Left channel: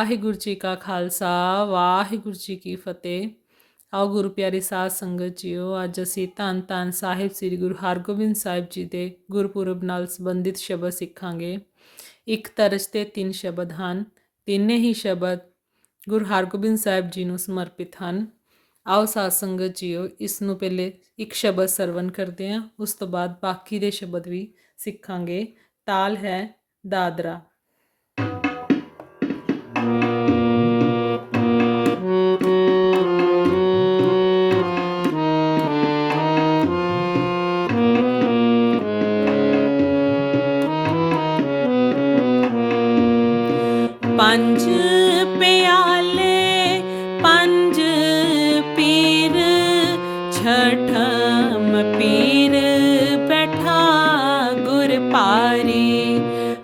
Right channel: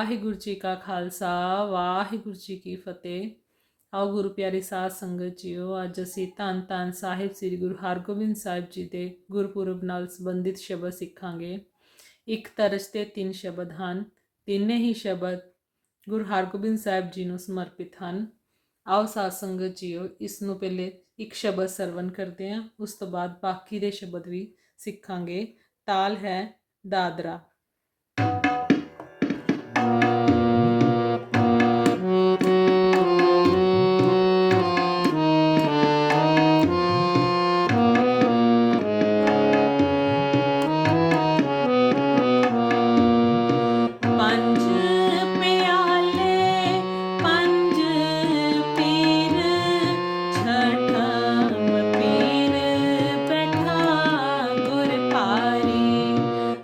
ਵਾਹਿਗੁਰੂ ਜੀ ਕਾ ਖਾਲਸਾ, ਵਾਹਿਗੁਰੂ ਜੀ ਕੀ ਫਤਿਹ। ਆਓ ਗੁਰੂ ਪਿਆਰੀ ਸਾਧ ਸੰਗਤ ਜੀਓ, ਅੱਜ ਅਸੀਂ ਧੰਨ ਧੰਨ ਸਾਹਿਬ ਸ੍ਰੀ ਗੁਰੂ ਹਰਗੋਬਿੰਦ ਸਾਹਿਬ ਜੀ ਦੇ ਗੁਰਪੁਰਬ ਨਾਲ ਸੰਬੰਧਿਤ ਸ਼ਬਦ ਸਿੱਖਾਂਗੇ। ਇੱਕ ਤਰਸ ਤੇ ਤਿੰਨ ਸ਼ਬਦ ਹਨ, ਤਿੰਨੇ ਹੀ ਸ਼ਬਦ ਗੁਰੂ ਹਰਗੋਬਿੰਦ ਸਾਹਿਬ ਜੀ ਨੂੰ ਸਮਰਪਿਤ ਹਨ। ਆਓ ਸਾਧ ਸੰਗਤ ਜੀਓ, ਇਸ ਨੂੰ ਪਹਿਲੇ ਇੱਕ ਸ਼ਬਦ ਸਰਵਨ ਕਰਦੇ ਹਾਂ, ਉਸ ਤੋਂ ਬਾਅਦ ਬਾਕੀ ਦੇ ਸ਼ਬਦ ਵੀ ਸਿੱਖਾਂਗੇ। ਤਾਲ ਹੈ ਦਾਦਰਾ।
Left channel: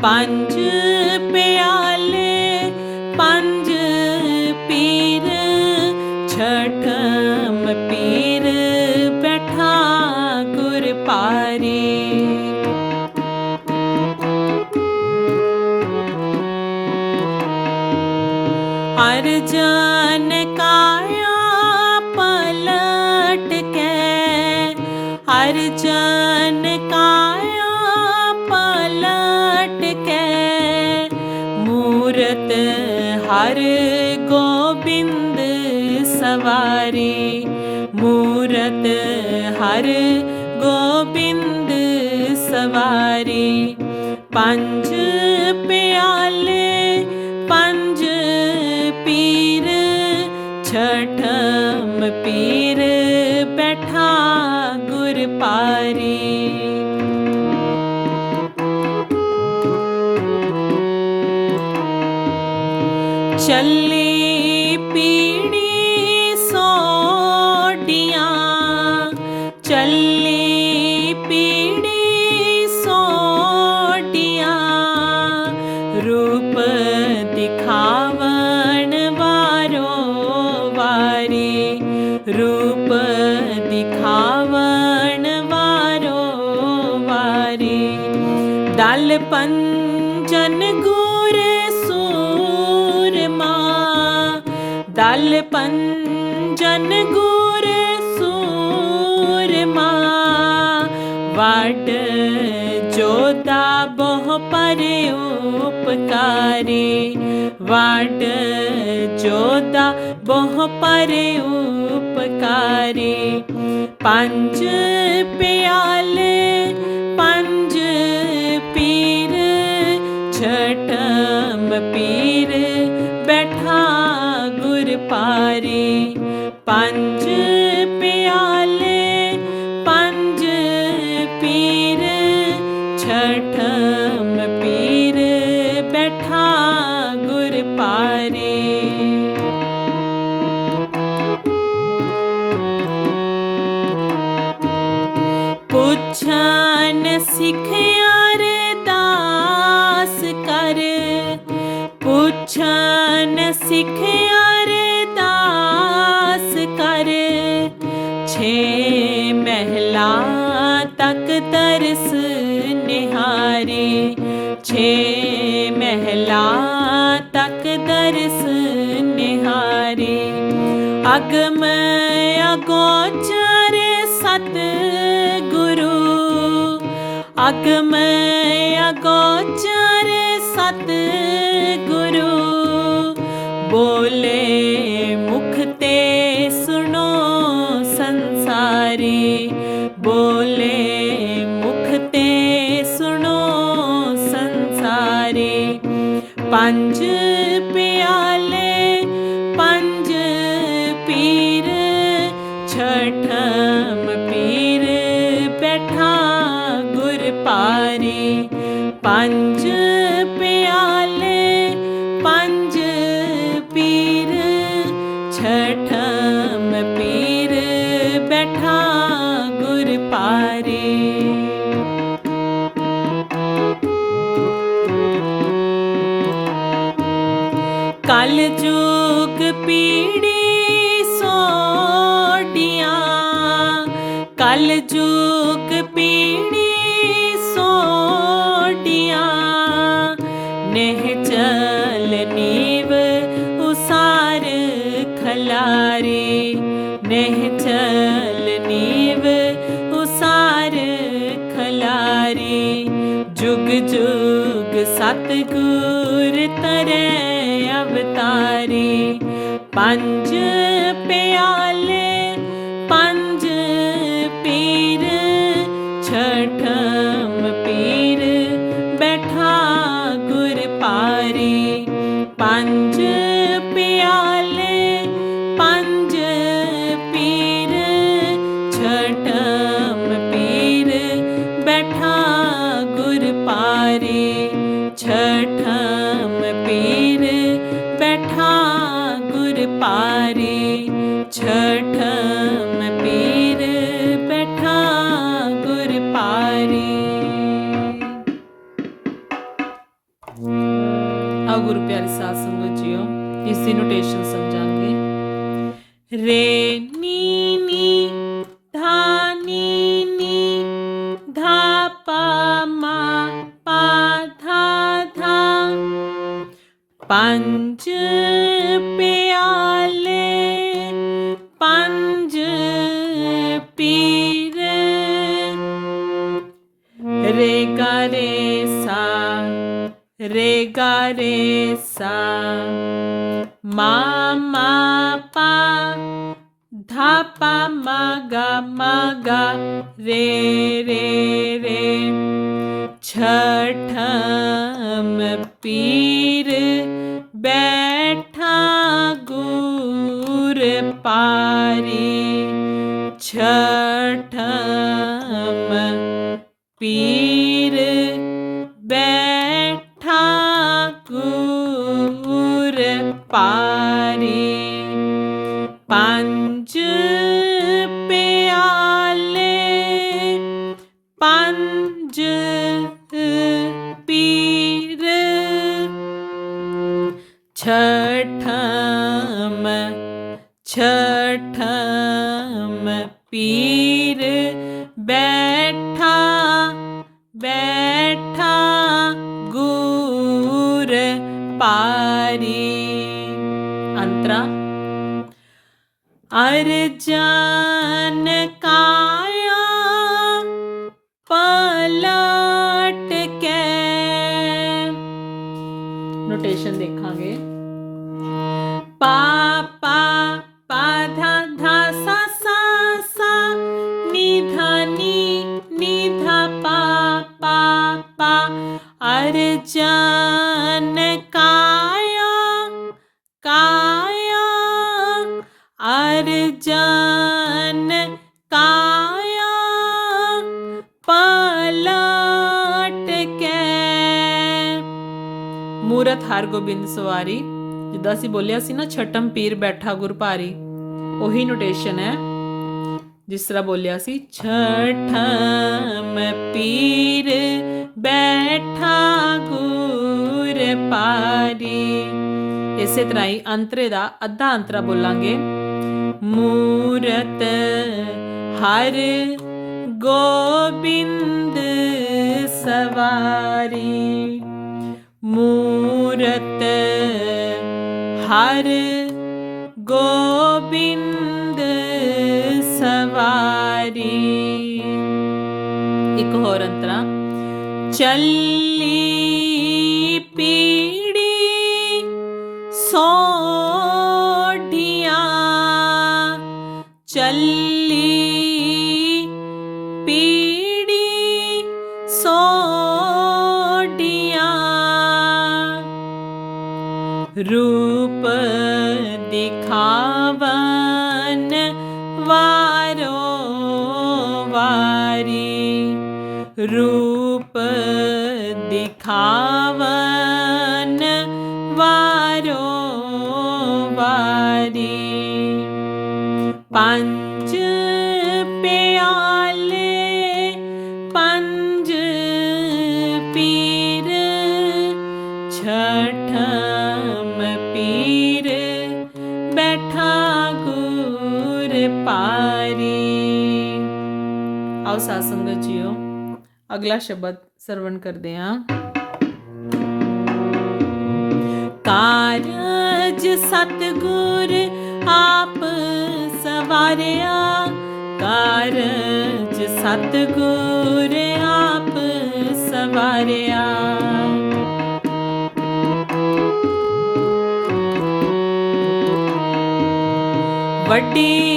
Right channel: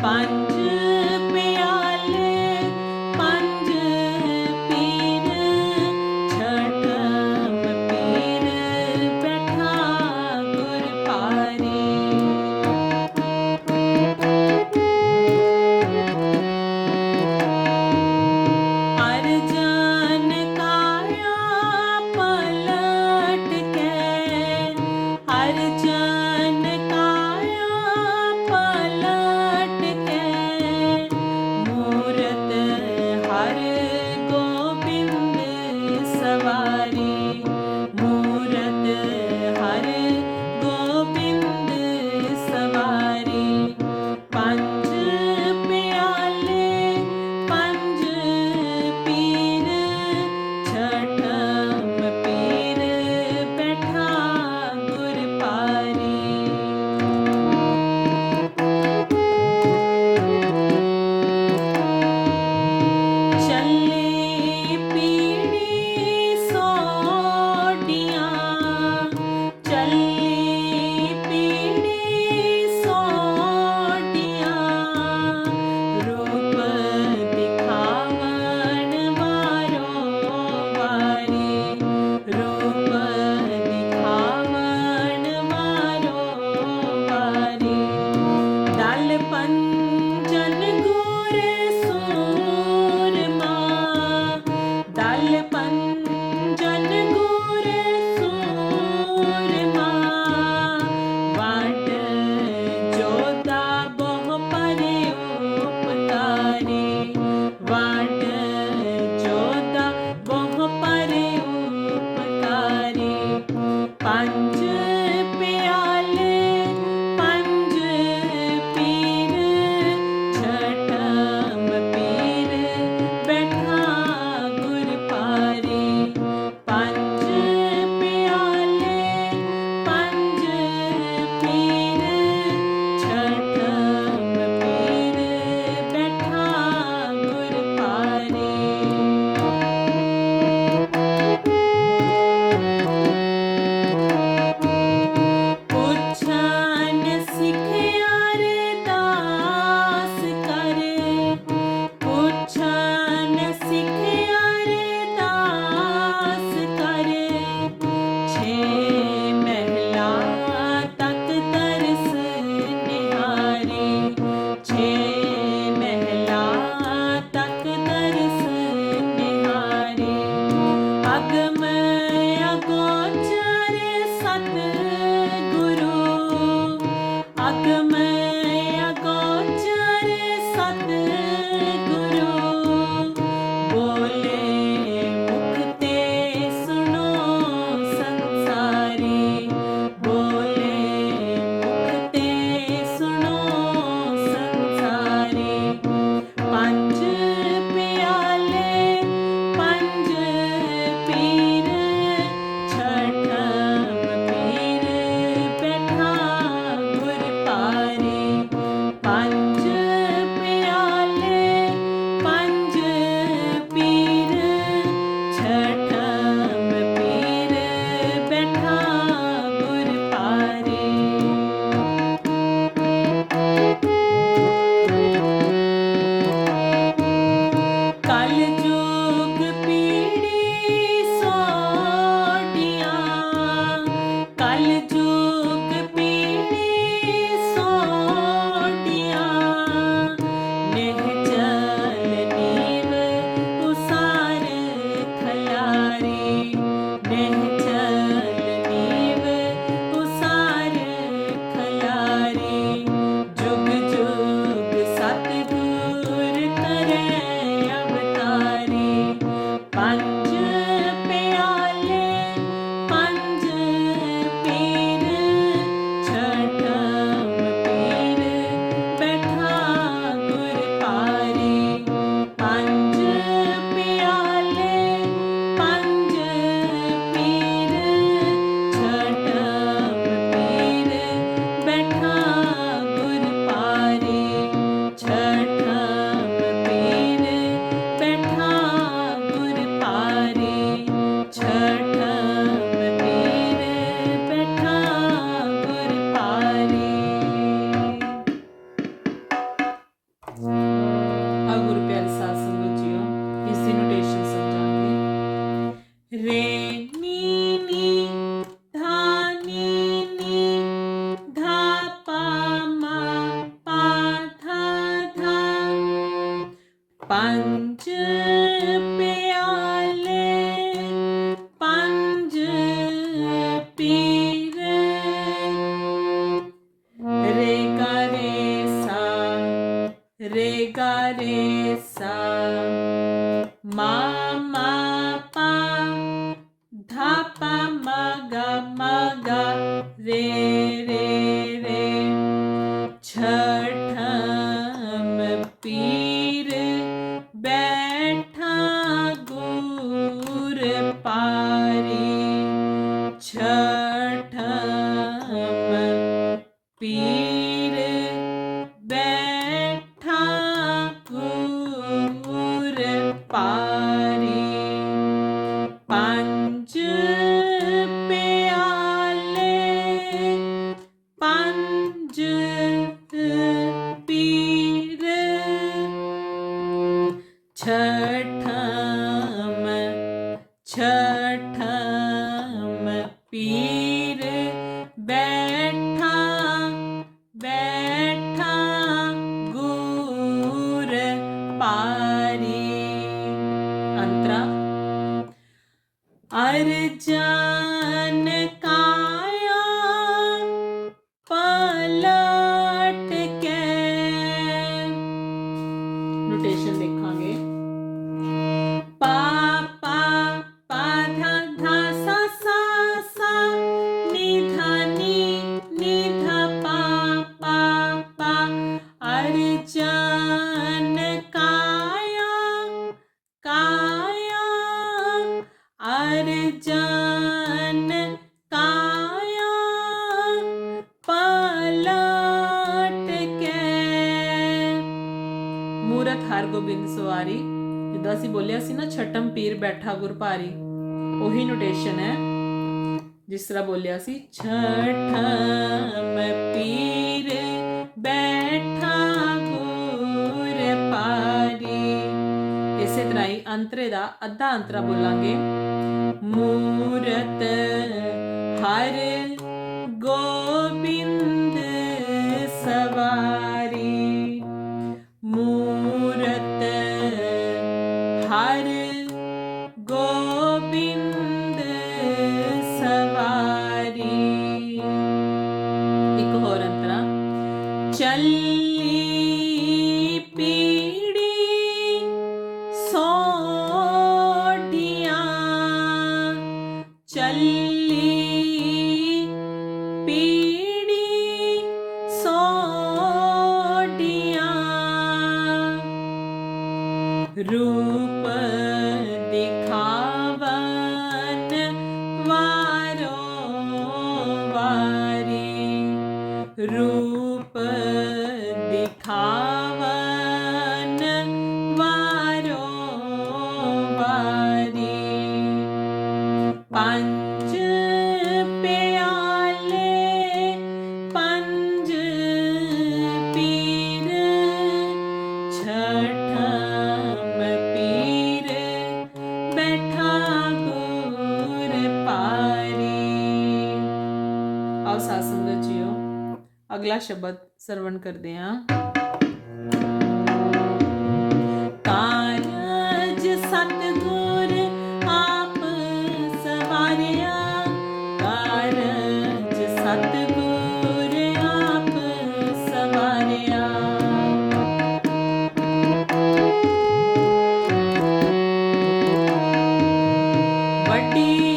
Fun. ਵਡ ਜੋਦਾ ਬਹੁ ਪਰਿ find ਅਸੀਂ ਬੋਲਿਆ ਸੀ ਨਾ, ਛਟਮ ਪੀਰ ਬੈਠਾ ਗੁਰਪਾਰੀ ਉਹੀ ਨੋਟੇਸ਼ਨ ਹੈ, ਜਿਸ ਤਰ੍ਹਾਂ ਬੋਲਿਆ ਸੀ ਛਠਮ ਪੀਰ ਬੈਠਾ ਗੁਰਪਾਰੀ ਇਸੇ ਤਰ੍ਹਾਂ ਹੀ ਅੰਤਰੇ ਦਾ ਅੱਧਾ ਅੰਤਰਾ ਬੋਲਾਂਗੇ। ਮੂਰਤ ਹਰ ਗੋਬੀ Ciao. ਅਗਲਾ ਸ਼ਬਦ ਸਰਵਣ ਕਰਦੇ ਹਾਂ। ਕਾਰਜ ਸਤਗੁਰ ਆਪ ਸਵਾਰਿਆ। ਕਾਰਜ ਸਤਗੁਰ ਆਪ ਸਵਾਰਿਆ। ਵੱਡੀ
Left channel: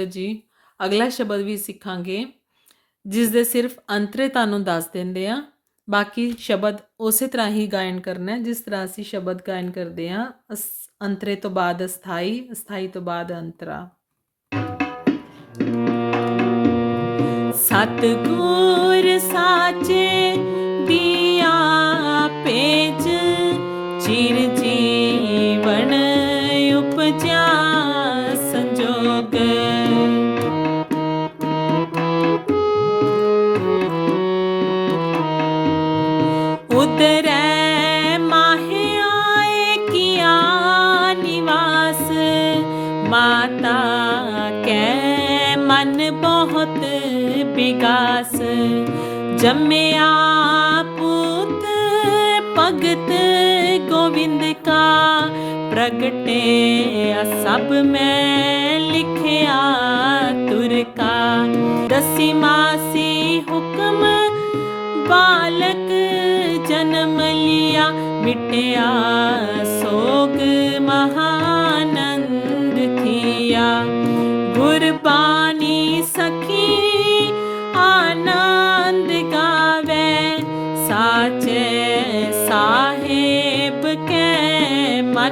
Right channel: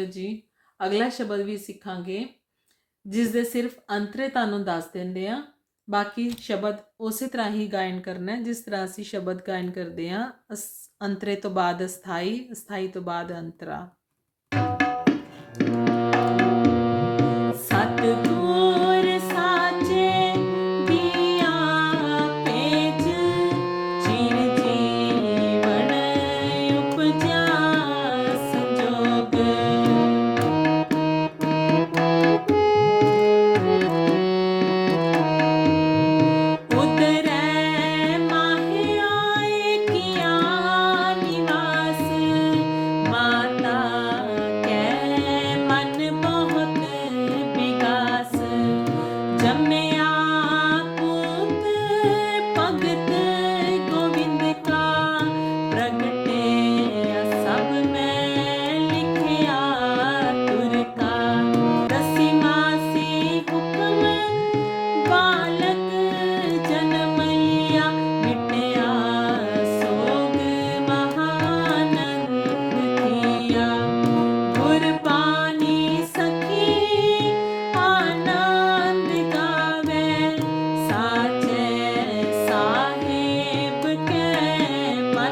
ਭਗਤ ਜੀ, ਅਗਲਾ ਸ਼ਬਦ ਵੀ ਸਿੱਖਾਂਗੇ ਜਿਸ ਦੇ ਸਿਰਫ ਅੰਤਰੇ ਤੁਹਾਨੂੰ ਦੱਸ ਦਿੰਦੇ ਆ, ਬਾਕੀ ਸ਼ਬਦ ਉਸੇ ਤਰ੍ਹਾਂ ਹੀ ਗਾਇਨ ਕਰਨਾ ਹੈ ਜਿਸ ਤਰ੍ਹਾਂ ਅਸੀਂ ਸ਼ਬਦ ਗਾਇਨ ਕਰਦੇ ਆ ਅੰਤਰੇ ਤੋਂ ਬਾਅਦ ਅਸਥਾਈ ਅਸਥਾਈ ਤੋਂ ਬਾਅਦ ਅੰਤਰਾ। ਸਤਿਗੁਰ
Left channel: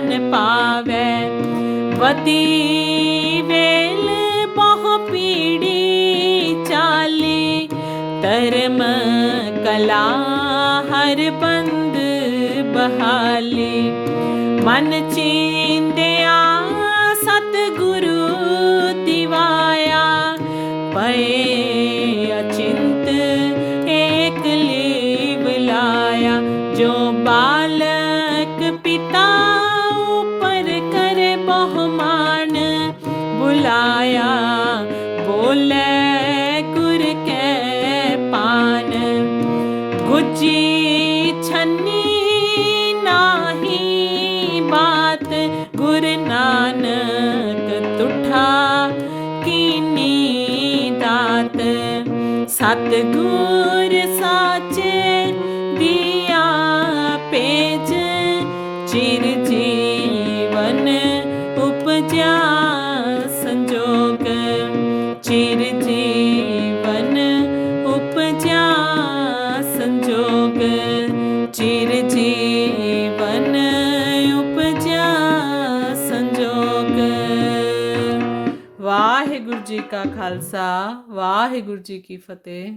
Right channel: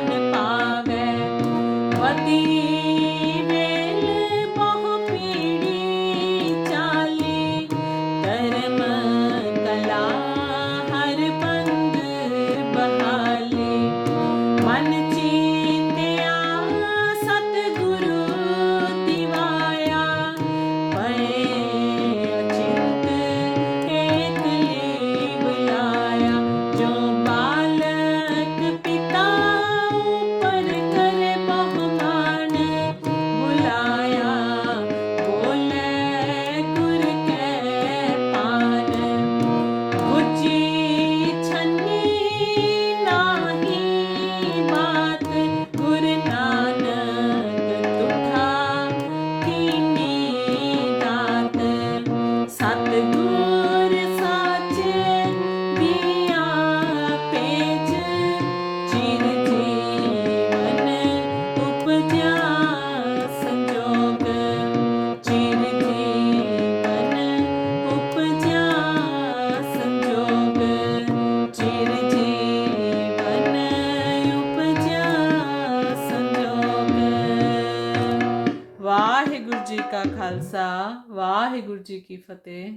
ਮਨ ਪਾਵੇ ਵਤੀ ਜੀ ਕੀ ਫਤਿਹ।